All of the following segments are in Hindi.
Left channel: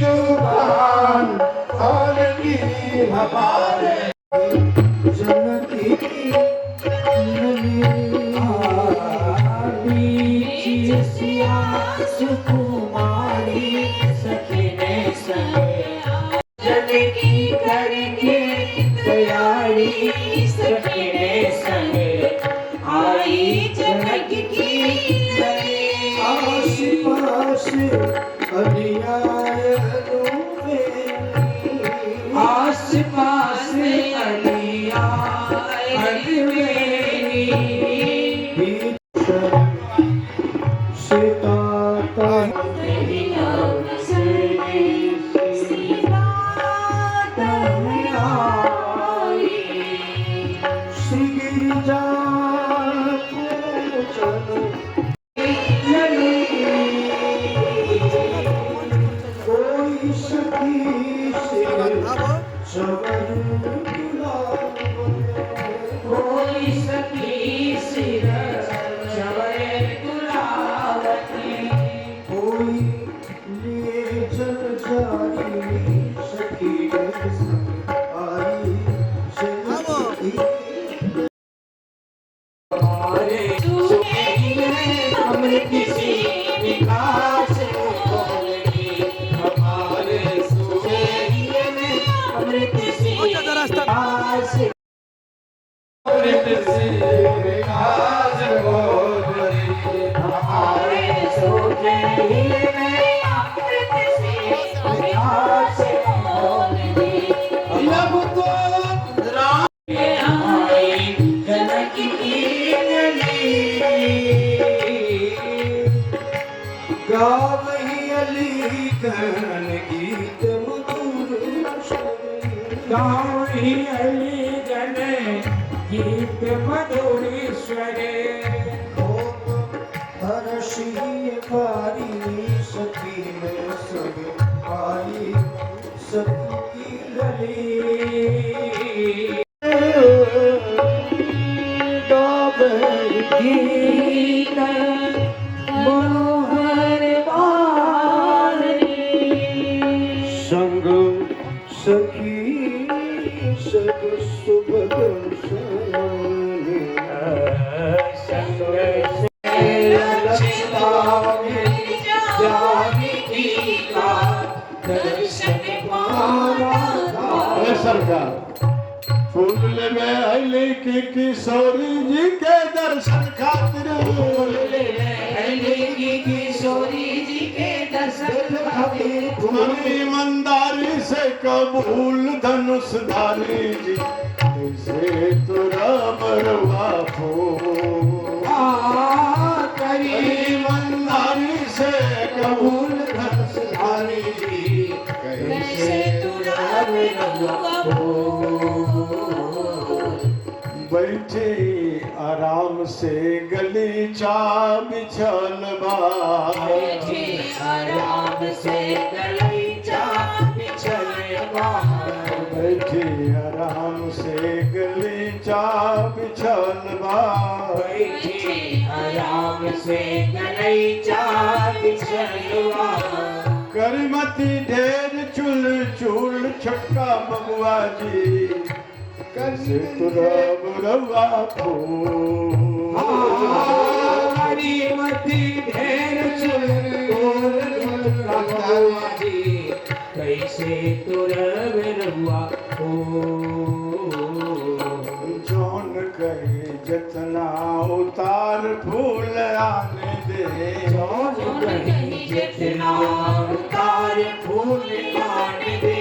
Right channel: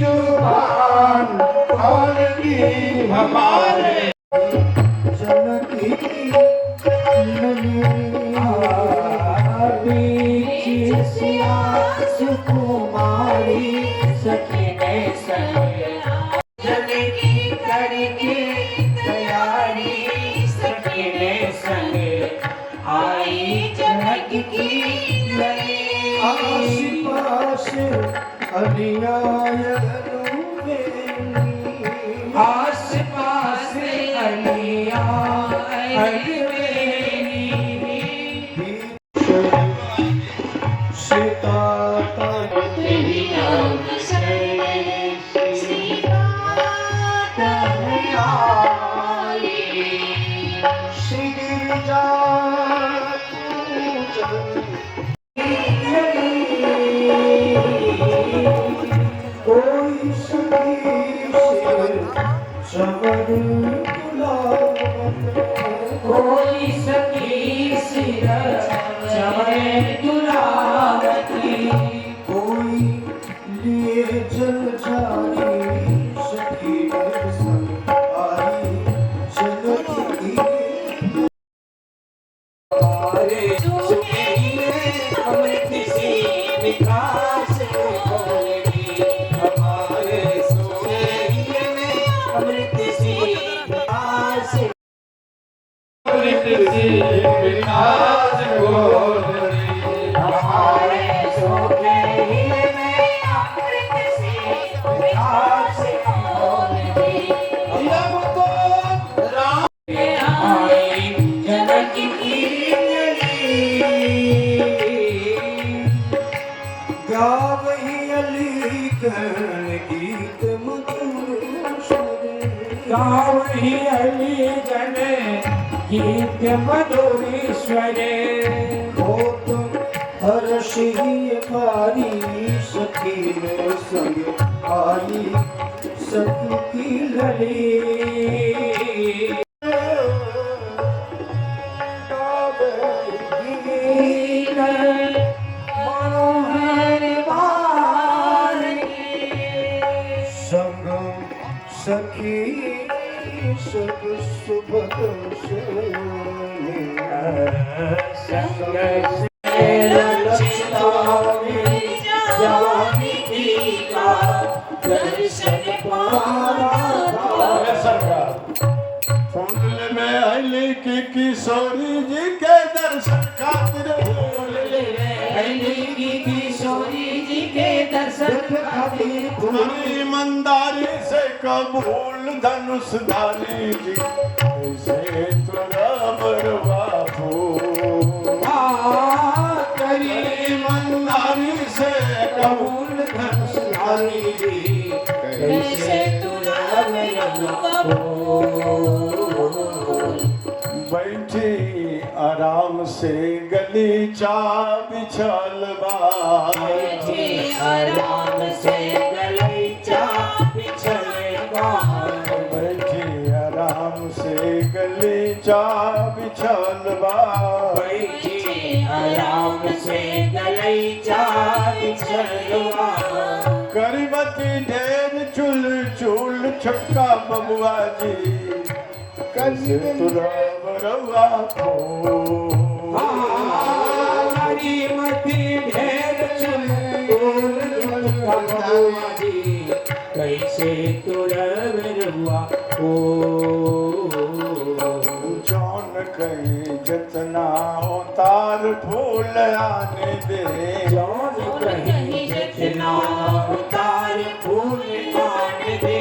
जुबान खोलगी हमारे जन की सुकुमारी सखी ने सगे जन की करके तैयारी सखी ने संगे आई जनक की आस पास आस पास अलिया सीता कोई सखी सिर चढ़े गुलाबती कोई लिए जल जारी सखी आई चलती हमारे अमृत सी विकास बोलगी हमारे अमृत सी विकास गीत मधुरेश्वरे हो तुम हर्षी पारी सखी संग आई सखी की लड़ी संग सखी सग सुभग फूल में अली की किशोरी जी के दर्शन खातिर किशोरी जी के दर्शन खातिर ईमानदारी से कबूल धनुषधारी जी से तुरा बरवा करी ईमानदारी से कबूल धनुषधारी जी कैसे तुरा बरवा बैठे आराम से गलीचा बिछल बैठे आराम से गलीचा बिछल बैठे आराम से गलीचा बिछल बैठे आराम से गलीचा बिछल करीमती ढेर चुल चुल छक्का बबुआ जी कैसे तुरा बरवा करीमती ढेर चुल कैसे तुरा बरवा जौन कहे जितना उतार फूल आने दे जौन कहे जितना उतार फूल आने दे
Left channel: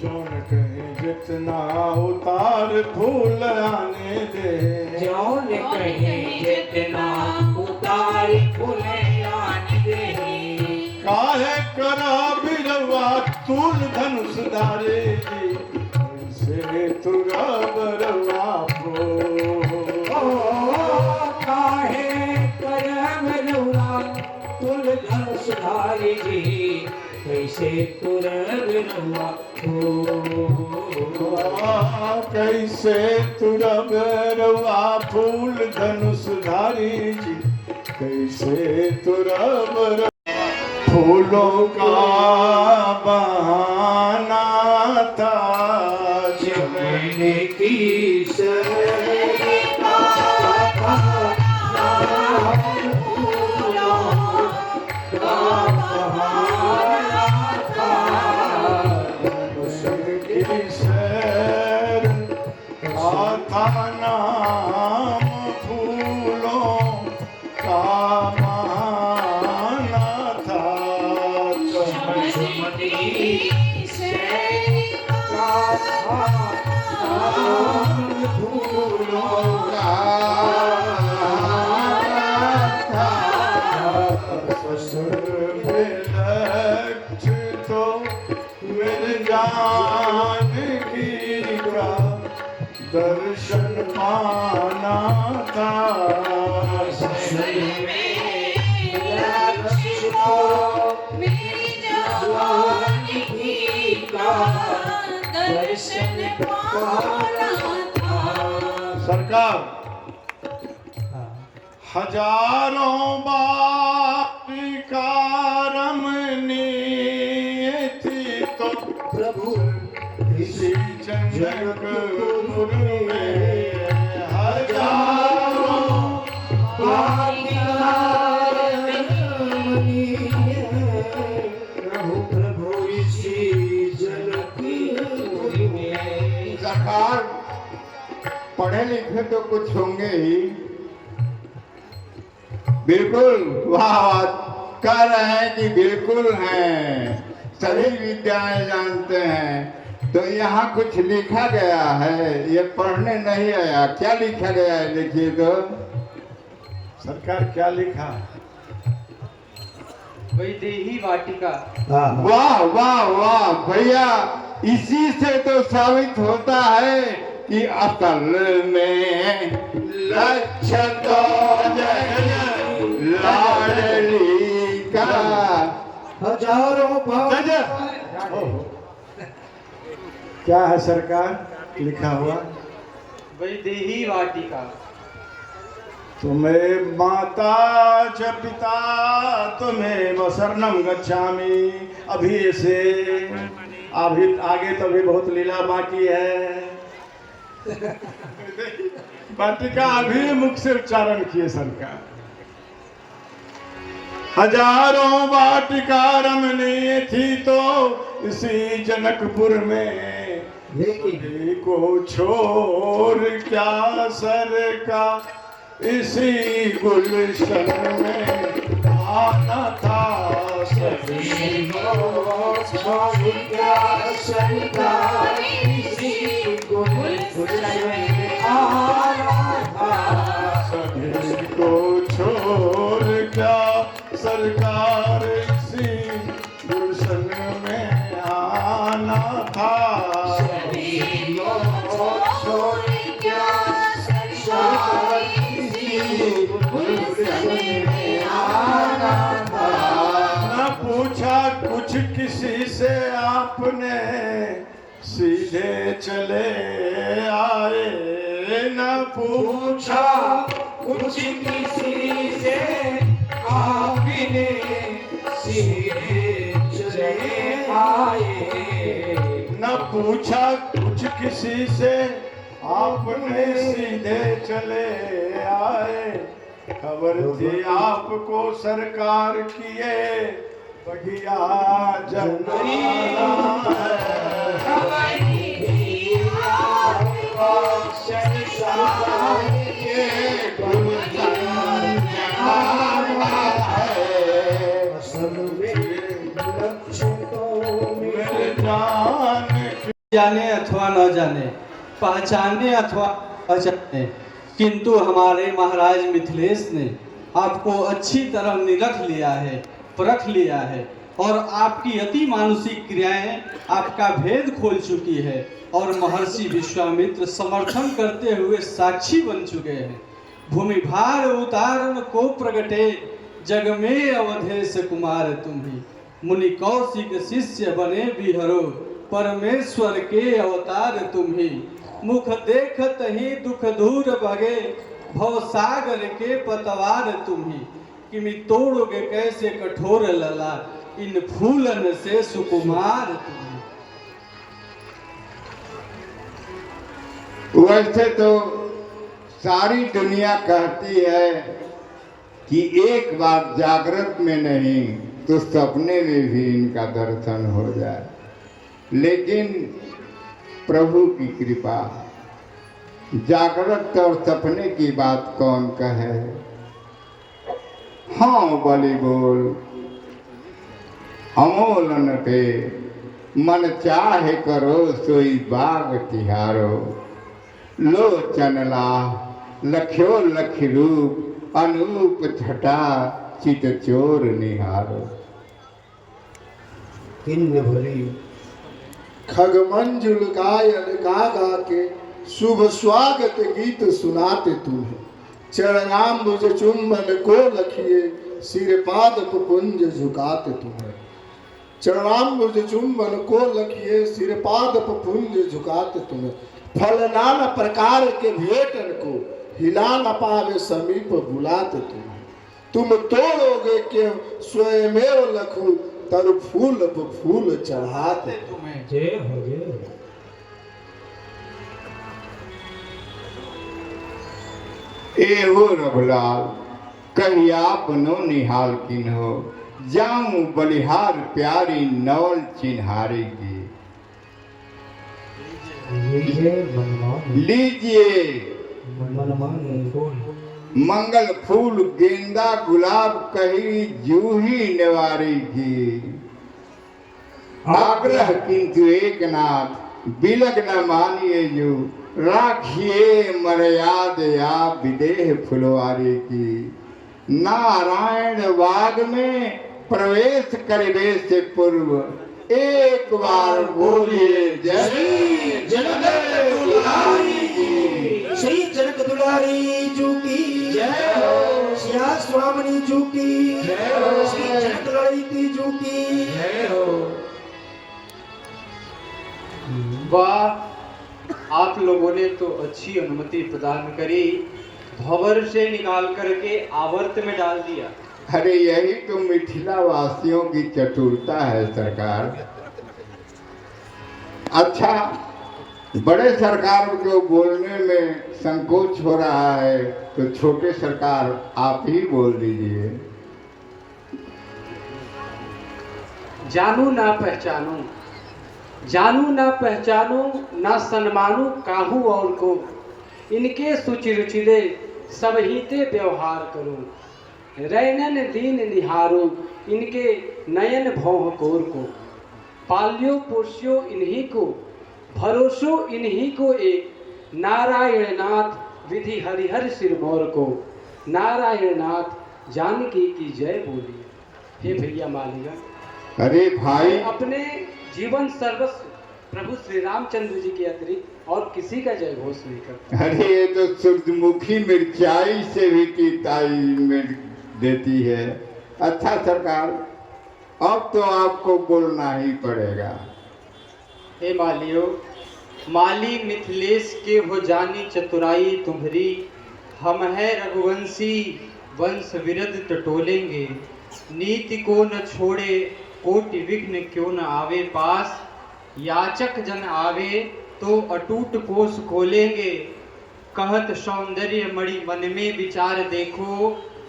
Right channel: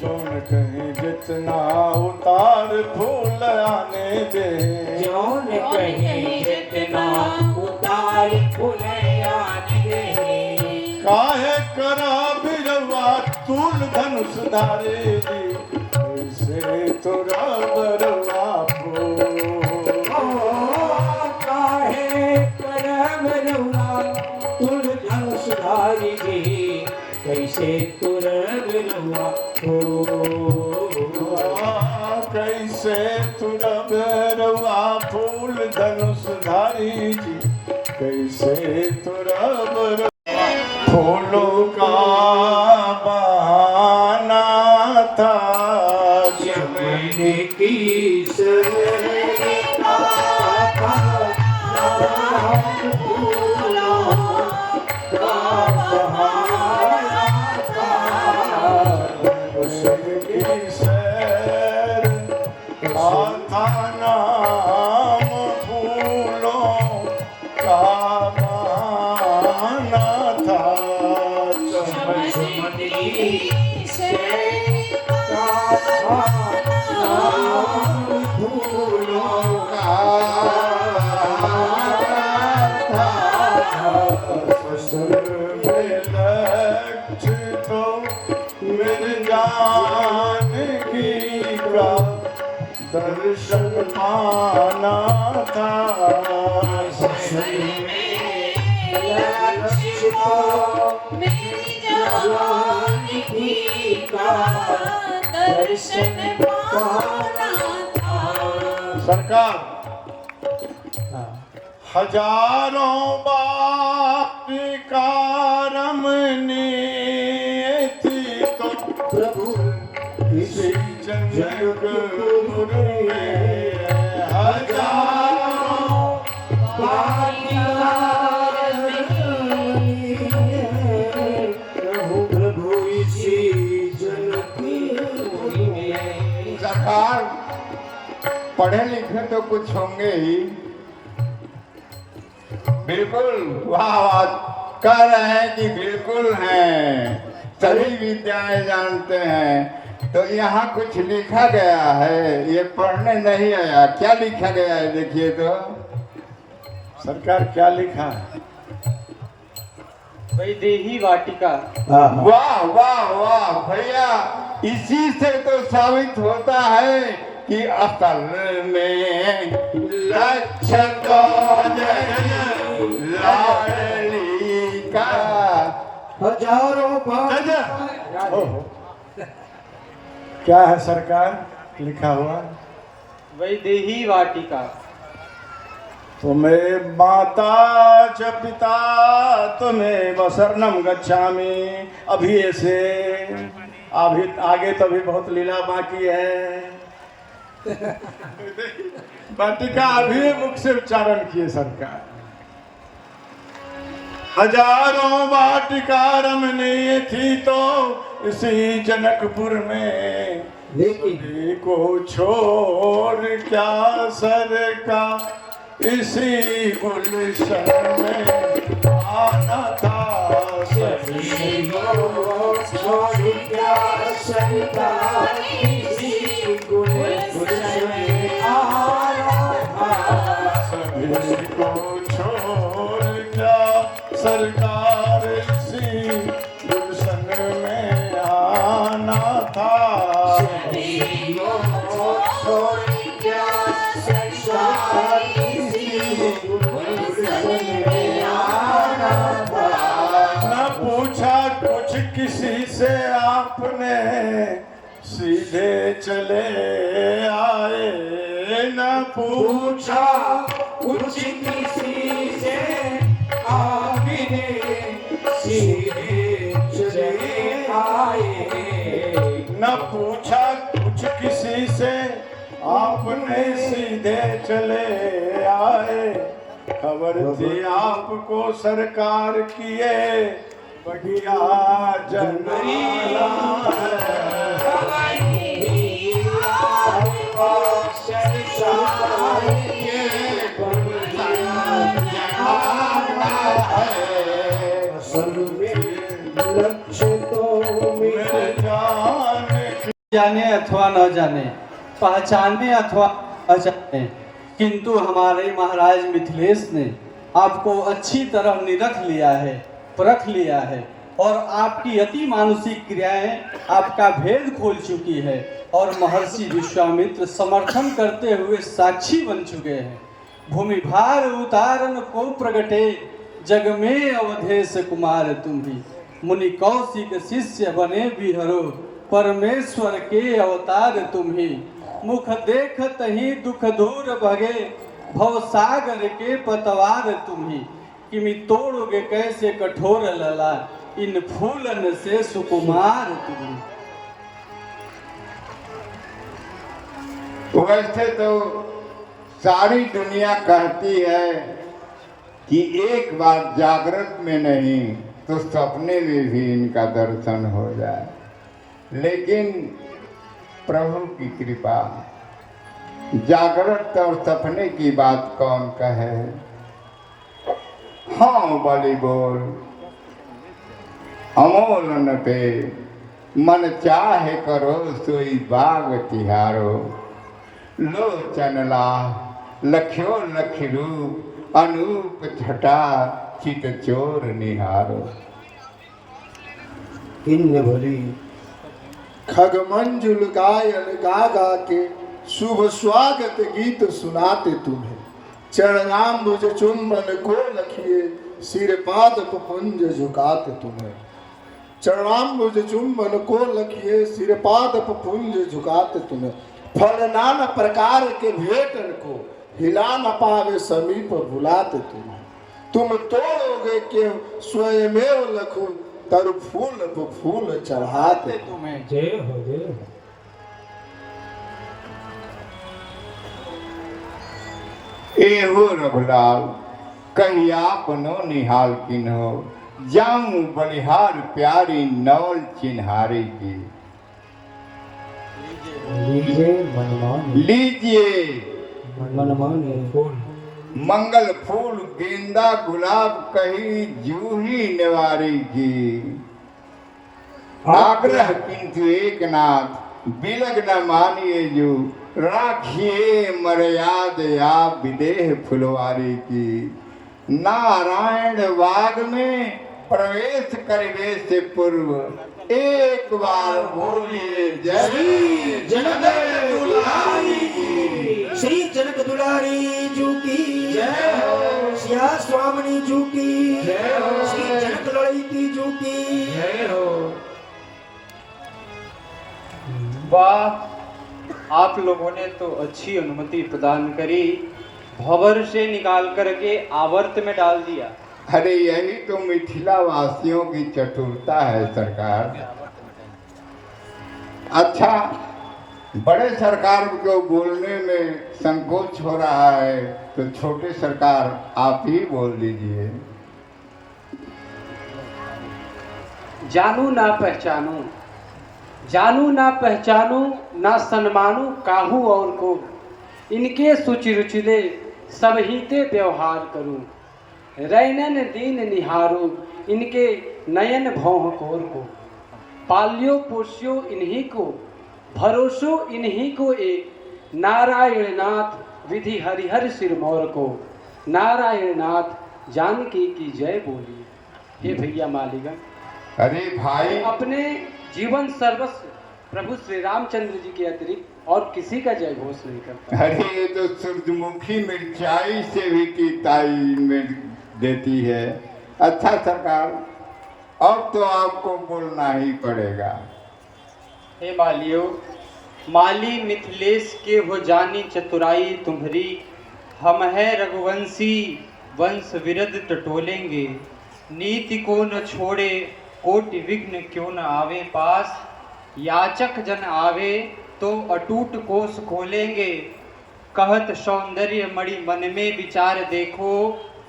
जौन कहे जितना उतार फूल आने दे जौन कहे जितना उतार फूल आने दे काहे करो बिरवा तूल धनुष धारे जी से तुरा बरवा काहे करम रुआ तूल धनुष धारे जी कैसे तुरा बरवा कैसे तुरा बरवा फूल धनुष धारी जी कैसे तुरा बरवा फूलों का की सैर आता नाम फूलों का माना था। दर्शन पाना था। सरकार हजारों बार कारमने थी तो प्रभु इसी जग पढ़े लिखे तो कुछ होंगे ही। बिल्कुल वाह वाह कह रहे हैं कि बिल्कुल हैं, सभी विद्याएं जानते हैं। तो यहाँ कुछ लिखा गया है, ये पढ़ने नहीं आया। क्या लिखा गया है देखिए तो। सरकार क्या लिखा है? वैदेही वाटिका। वाह वाह वाह भैया, इसी से तो साबित होता है कि अकल में लक्षण लाडली का हजारों क्या है सरकार लिखा हुआ? वैदेही वाटिका। तुम्हें माता च पिता तुम्हें वसर्णम गच्छामि। अभी ऐसे अभी आगे तो अभी बहुत लीला बाकी है। वाटिका अभी मुख से उच्चारण किए सरकार। हजारों वाटिका रमने थी तो इसी जनकपुर में, को छोड़ क्या सरका इसी गुलशन में आना था। सभी को छोड़ क्या सरकार इसी गुलशन में आना था। न पूछा कुछ किसी से आपने, सीधे चले आए। न पूछा कुछ किसी से आपने, सीधे चले आए। न पूछा कुछ किसी से आपने, सीधे चले आए। खबर थी आपको सरकार किए बढ़िया जनरी। जाने अथवा न जाने, पहचाने अथवा अजाने, किंतु हमारे महाराज मिथिलेश ने आपको अच्छी तरह निरख लिया है, परख लिया है और आपकी अति मानुषिक क्रियाएं आपका भेद खोल चुकी है और महर्षि विश्वामित्र समर्थन करते हुए साक्षी बन चुके हैं। भूमि भार उतारण को प्रगटे, जग में अवधेश कुमार तुम भी। मुनि कौशिक शिष्य बने बिहरो, परमेश्वर के अवतार तुम ही। मुख देखत ही दुख दूर भगे, भव सागर के पतवार तुम ही। किमि तोड़ोगे कैसे कठोर लला, इन फूलन से सुकुमार तुम ही। वैसे तो सारी दुनिया कहती है कि एक बार जागृत में नहीं तो सपने में भी इनका दर्शन हो जाए, लेकिन प्रभु की कृपा। जागृत और सपने की बात कौन कहे। हाँ बलि बोल अमोलन पे, मन चाहे करो सोई बाग तिहारो। लोचन ला लख्यो लख रूप, अनूप छटा चित चोर निहारो। किन्न भरी खगमंजुल गायन गा गा के शुभ स्वागत गीत सुनाते तुम्हें। चरणाम्बुज चुंबन को लखिए, सिर पाद पुंज झुकाते तुम्हें। चरणाम्बुज चुंबन को लखिए, सिर पाद पुंज झुकाते तुम्हें। फल नाना प्रकार के भेटन को, हिला न पावे समीप बुलाते तुम्हें। तुम तोड़ोगे के स्वयमेव लखू, तर फूल तो फूल चढ़ाते तुम्हें। जय हो जय हो। एहो रघुलाल कही आपनो निहाल किन्हो, जाऊं बलिहार प्यारी नवल चिन्हारे की। लीजिए मंगल फूल गेंदा गुलाब कही जूही निवारी की। आग्रह किंतु एक नाथ, बिलग न मानिए जो, राखिए मर्याद या विदेह फुलवारी की। नारायण बाग में प्रवेश करने से पूर्व एक बार बोलिए जय जनक दुलारी की। श्री जनक दुलारी जू की जय हो। श्या स्वामिनी जू की जय हो। श्री जनक ललिती जू की जय हो। वाह, आप लोगों ने तो अच्छी अनुमति प्रदान करी, भंवर से निकाल करके आवर्त में डाल दिया। अरे यही तो मिथिला वासियों की चतुरता है सरकार। अच्छा, बड़े सरकार को बोलने में संकोच हो रहा है, तो छोटे सरकार आप ही बोल दीजिए। जानू ना पहचानू, जानू ना पहचानू, ना सन्मानू काहू और को। इनके सुचि रुचिदे सब हीते व्यवहार करूं। रैनन दीन निहारो, इनके नयन भौह कोर को। पाल्यो पोस्यो इन्हीं को, भरोसो इन्हीं को एक। नारायण नाथ विधि हरिहर सिरमौर को। नारायण नाथ जानकी की जय बोलिए। हे भैया मालिका, अरे भाई, अपने जीवन सर्वस्व प्रभु श्री रामचंद्र जी के अतिरिक्त और किसी का जय घोष नहीं करता। अरे ये तो सूरजमुखी मिर्चाई से भी तीताई में देती है। अच्छा सरकार, अब तो आपको बोलना ही पड़ेगा। हे मालियो, माली मिथिलेश के हो जानी चतुराई तुम्हारी। हम है रघुवंशी वंश विरध टटोलेंगे। नीति को न छोड़े कोटि विघ्न क्यों न आवे पास। याचक जन आवे तो अटूट कोष खोलेंगे। कहत सौंदर्य मणि मन में विचार देखो।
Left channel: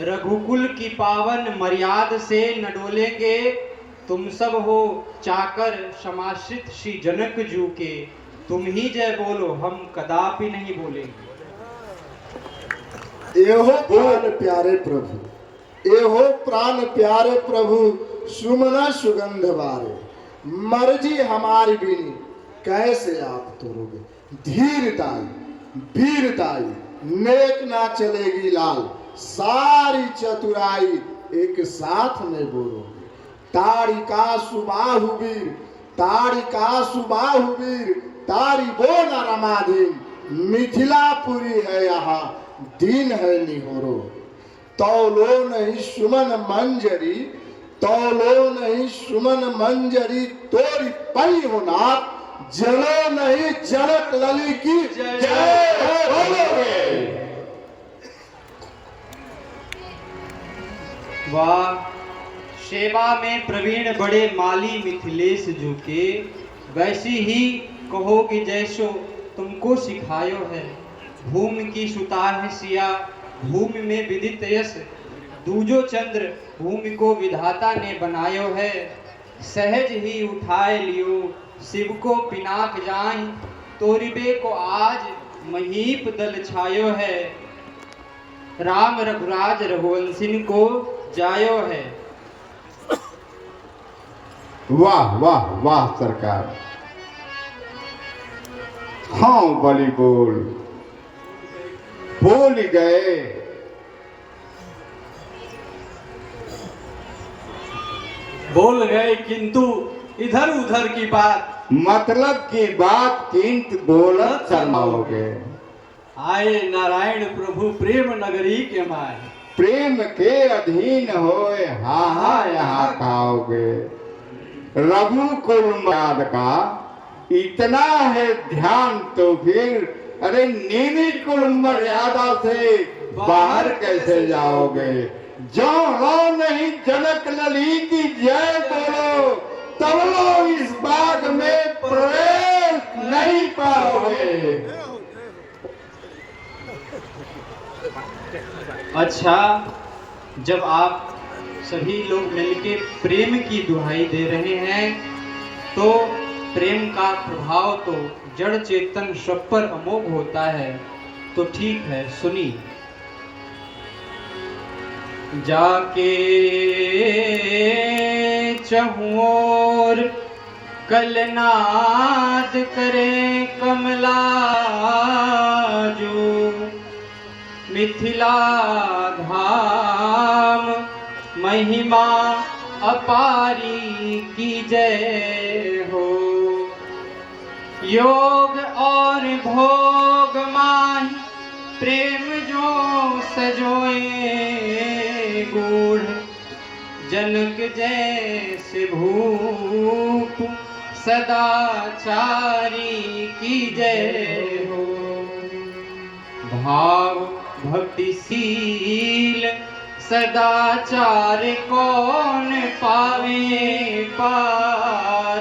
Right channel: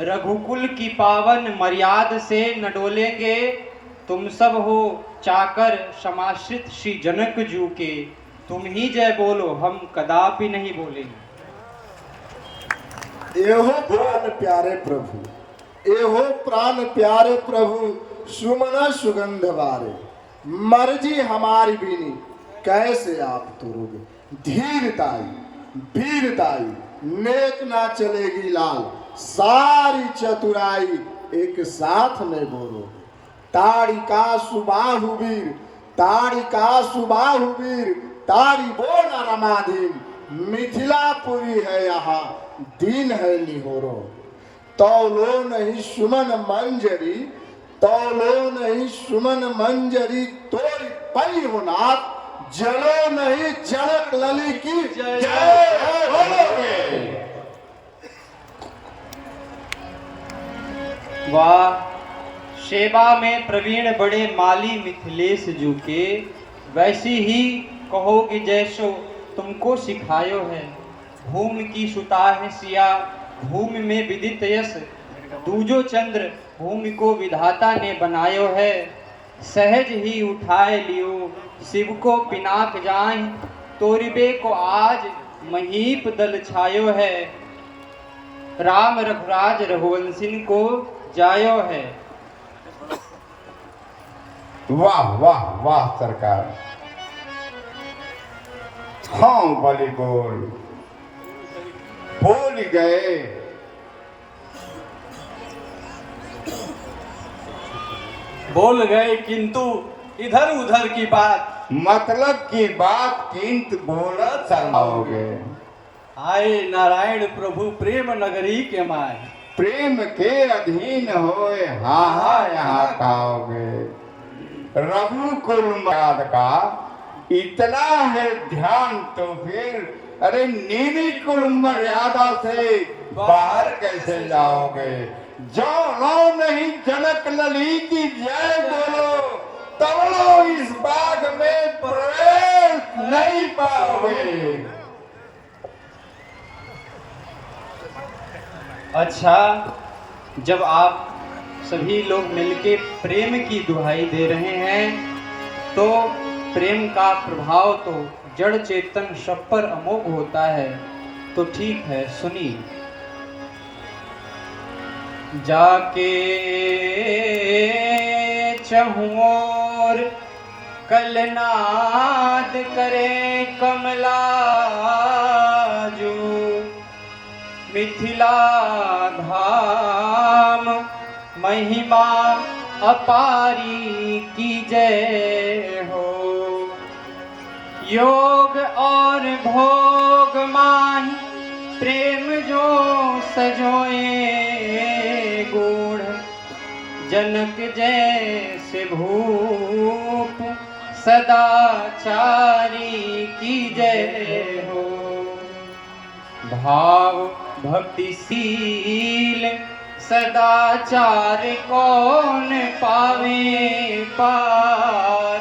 रघुकुल की पावन मर्याद से न डोलेंगे। तुम सब हो चाकर समाश्रित श्री जनक जू के। तुम ही जय बोलो, हम कदापि नहीं बोलेंगे। एहो प्राण प्यारे प्रभु, एहो प्राण प्यारे प्रभु, सुमन सुगंध वारे। मर्जी हमारी बिनी कैसे आप तोड़ोगे। धीरताई वीरताई नेक ना चलेगी लाल। सारी चतुराई एक साथ में बोलोगे। ताड़िका सुबाहु वीर, ताड़िका सुबाहु वीर, तारी बोना रमाधीन। मिथिलापुरी है यहाँ, दीन है निहोरो। तौलो नहीं सुमन मंजरी, तौलो नहीं सुमन मंजरी, तोरी पली हो नाथ। जलो नहीं जनक लली की जय बोलोगे। वाह, सेवा में प्रवीण बड़े माली मिथिलेश जू के। वैसी ही कहोगे जैसो तुमको सिखायो है। भूमि की सुता है सिया, भूमि में विदित यश। दूजो चंद्र भूमि को विधाता ने बनायो है। सहज ही उठाए लियो, शिव को पिनाक जाए, तोरिबे को आज महीप दल छायो है, राम रघुराज रघुवंशिन को जायो है। वाह वाह वाह सरकार। हाँ बलि बोल गए। बोल गए किंतु इधर उधर की बात, मतलब की बात किंतु बोलत शर्माओगे। आए नारायण प्रभु प्रेम नगरी के माय, प्रेम के अधीन होए हा हा यहाँ खाओगे। रघुकुल मर्याद का इतना है ध्यान तो फिर अरे नीली कुल मर्यादा से बाहर कैसे जाओगे। जाओ नहीं जनक लली की जय बोलो, तब लो इस बाग में प्रवेश नहीं पाओगे। अच्छा, जब आप सभी लोग मिलके प्रेम की दुहाई दे रहे हैं तो प्रेम का प्रभाव तो जड़ चेतन सब पर अमोघ होता है। तो ठीक है, सुनिए। जाके चहुओर कलनाद करे कमला जो, मिथिला धाम महिमा अपारी की जय हो। योग और भोग माही प्रेम जो सजोए गूढ़, जनक जैसे भूप सदाचारी की जय हो। भाव भक्तिशील सदाचार कौन पावे पार,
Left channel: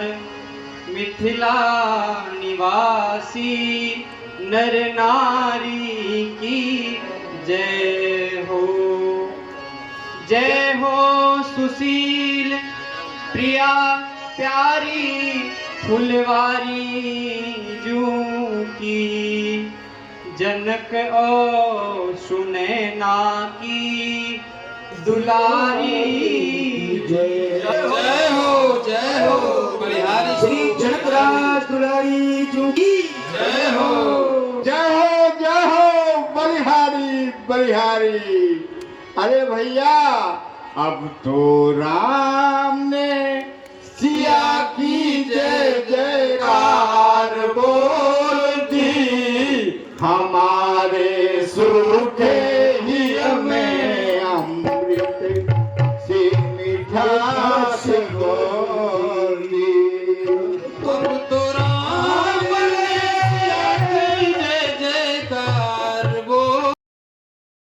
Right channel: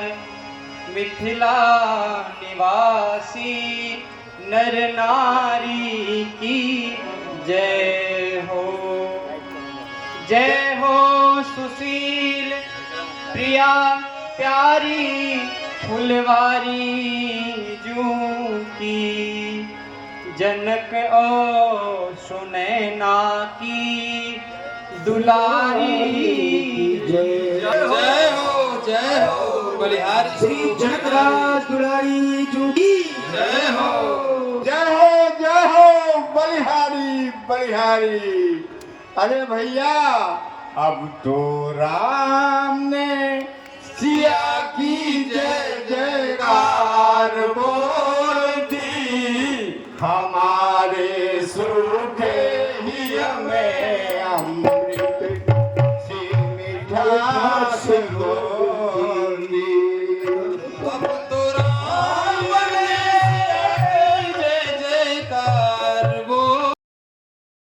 मिथिला निवासी नर नारी की जय हो। जय हो सुशील प्रिया प्यारी फुलवारी जू की, जनक ओ सुनैना की दुलारी जय हो बलिहारी श्री जनकराज दुलारी जू की जय हो। जय हो बलिहारी बलिहारी। अरे भैया अब तो राम ने सिया की जय जयकार बोल।